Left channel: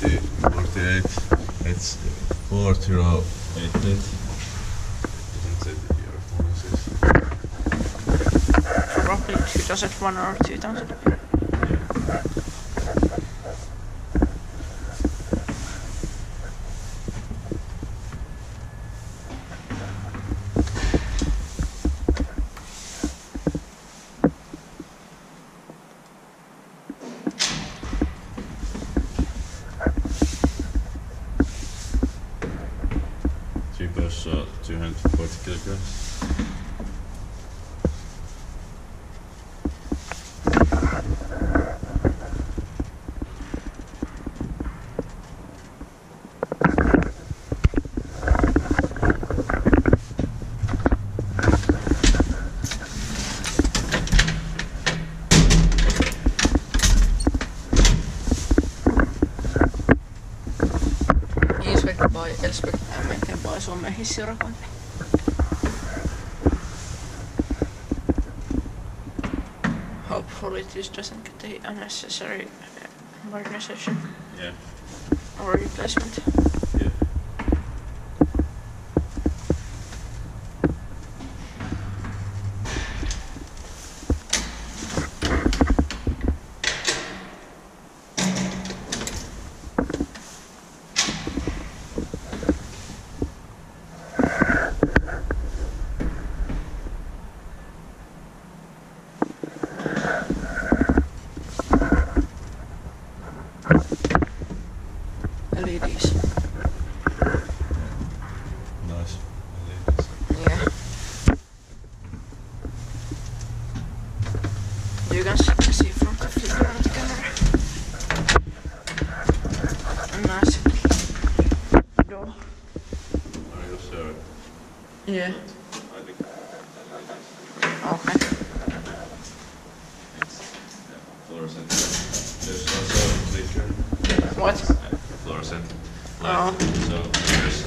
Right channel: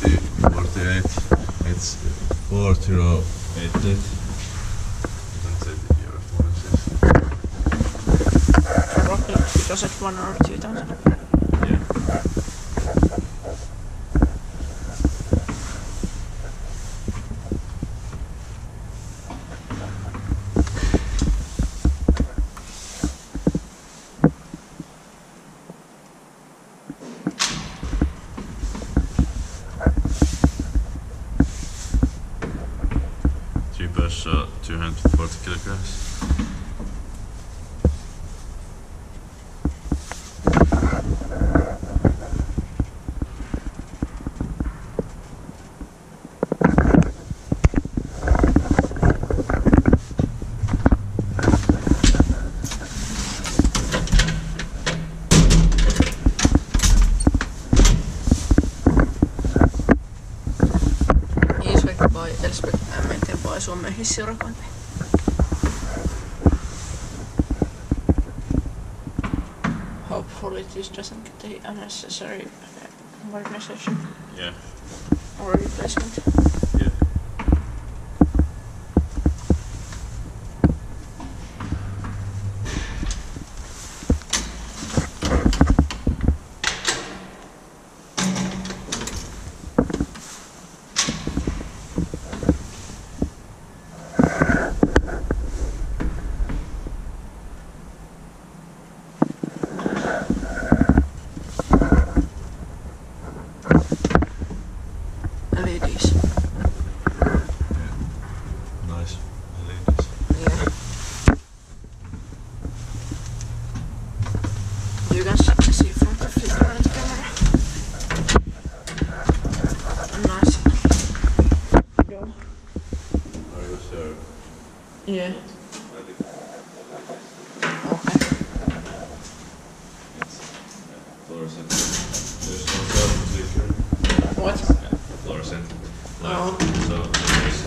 48. It's 4088. Doesn't say the year of Modernised. Probably 2001 or 2000. Yeah. So 240 kilograms. Inspected by Elspecta and maintained by Suomen Hissiurakointi. Hopefully this doesn't get the unnecessary modernization. Yeah. Or replacement. Yeah. LEDs. Yeah. Nice LEDs. Yeah. You can see from the filter on the camera. Nice. Door. Are you sure? Yeah. I think. Okay. It's fluorescent. There's also a flicker. What? Fluorescent light. Oh. So there's